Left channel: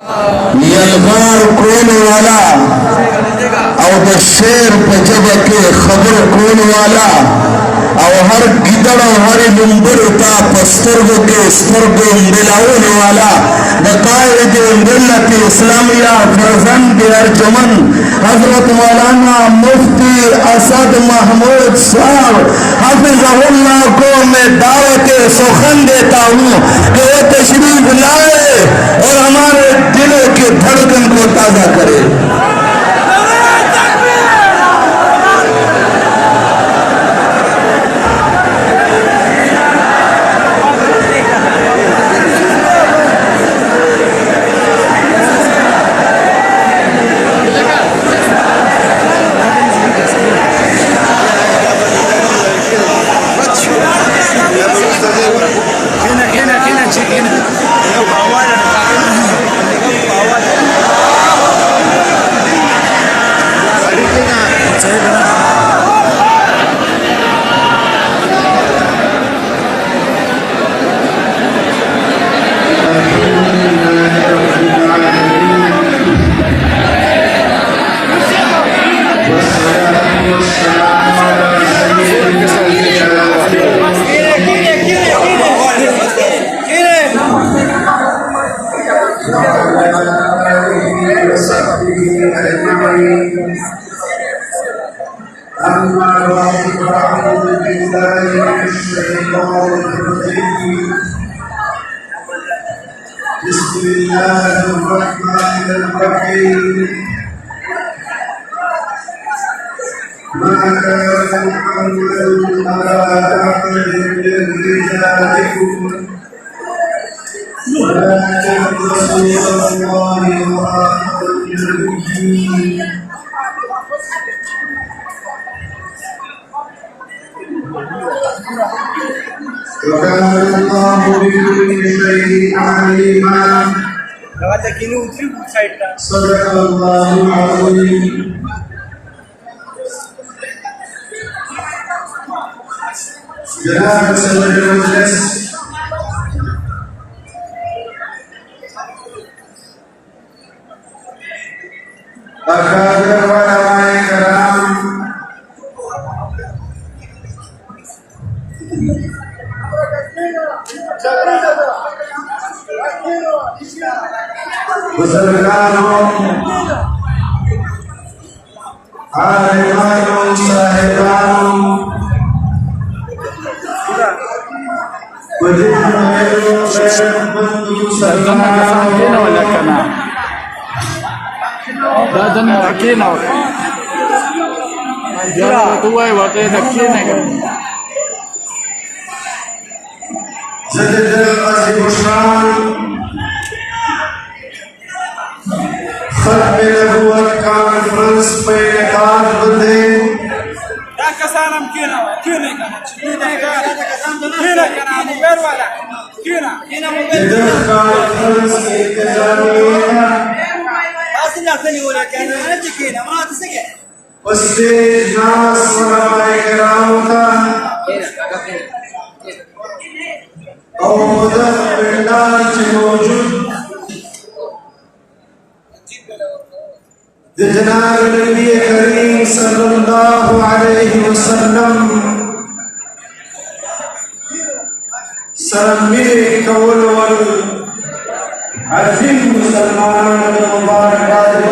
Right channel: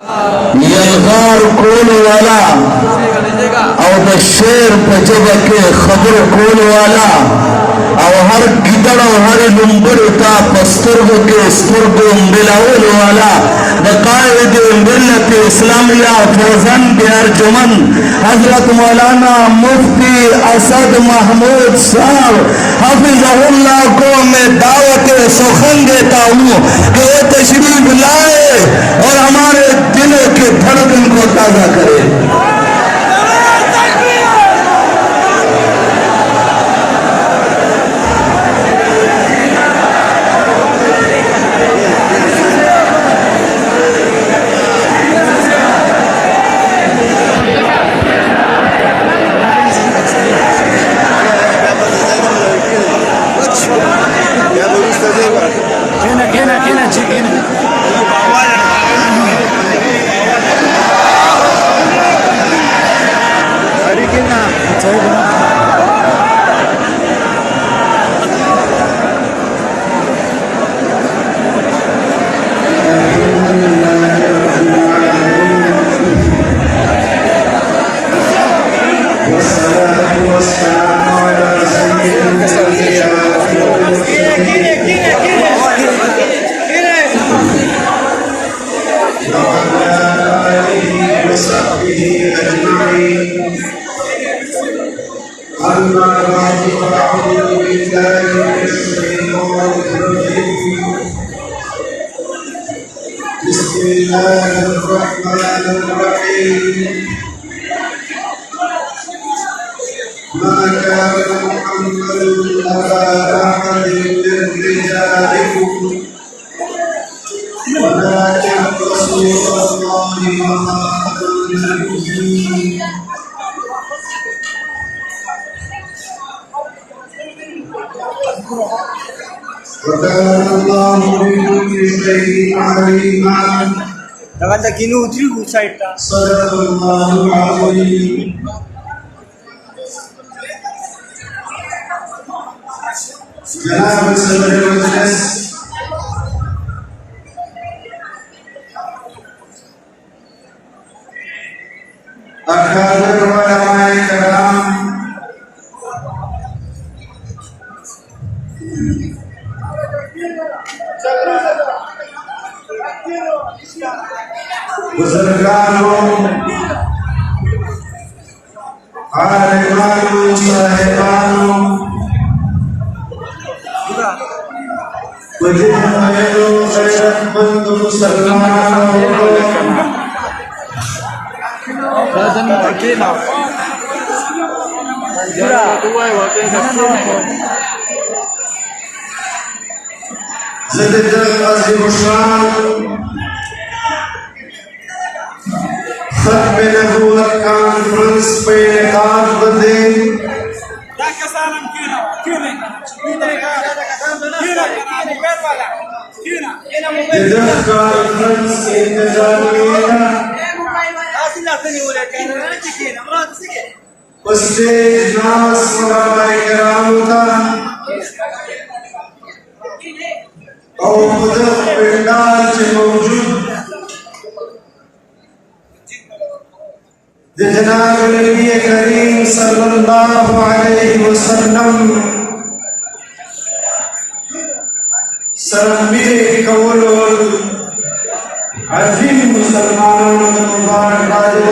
यलगार कौन वाला और द शेर पजब के खबर कौन वाला और हर गिदड़ और हर लुम्बड़ का पस्तर्ग के स्वर्ग मिलाउल वाला बकायद मिल्लत इस्लामिया फरजन के अर्जुमन हजरत मौलाना मुफ्ती असद महमूद साहब हाफिज़हुल्लाह को मैं दावत सुखन देता हूँ कि वो तशरीफ लाए और हमारे दिलों के धड़कन को ताजा करे। जनाब सदर मजलिस अकादर व उलमाए कराम बुजुर्गानों आलिमानों साहिबानों नबूवत कॉन्फ्रेंस पे इनेकाद बंदे नास उलमाए कराम का और पिंडाल च मौजूद जनाब नबी करीम सल्लल्लाहु अलैहि वसल्लम सरमिर कौल अजीम मुसलमानों मुबारक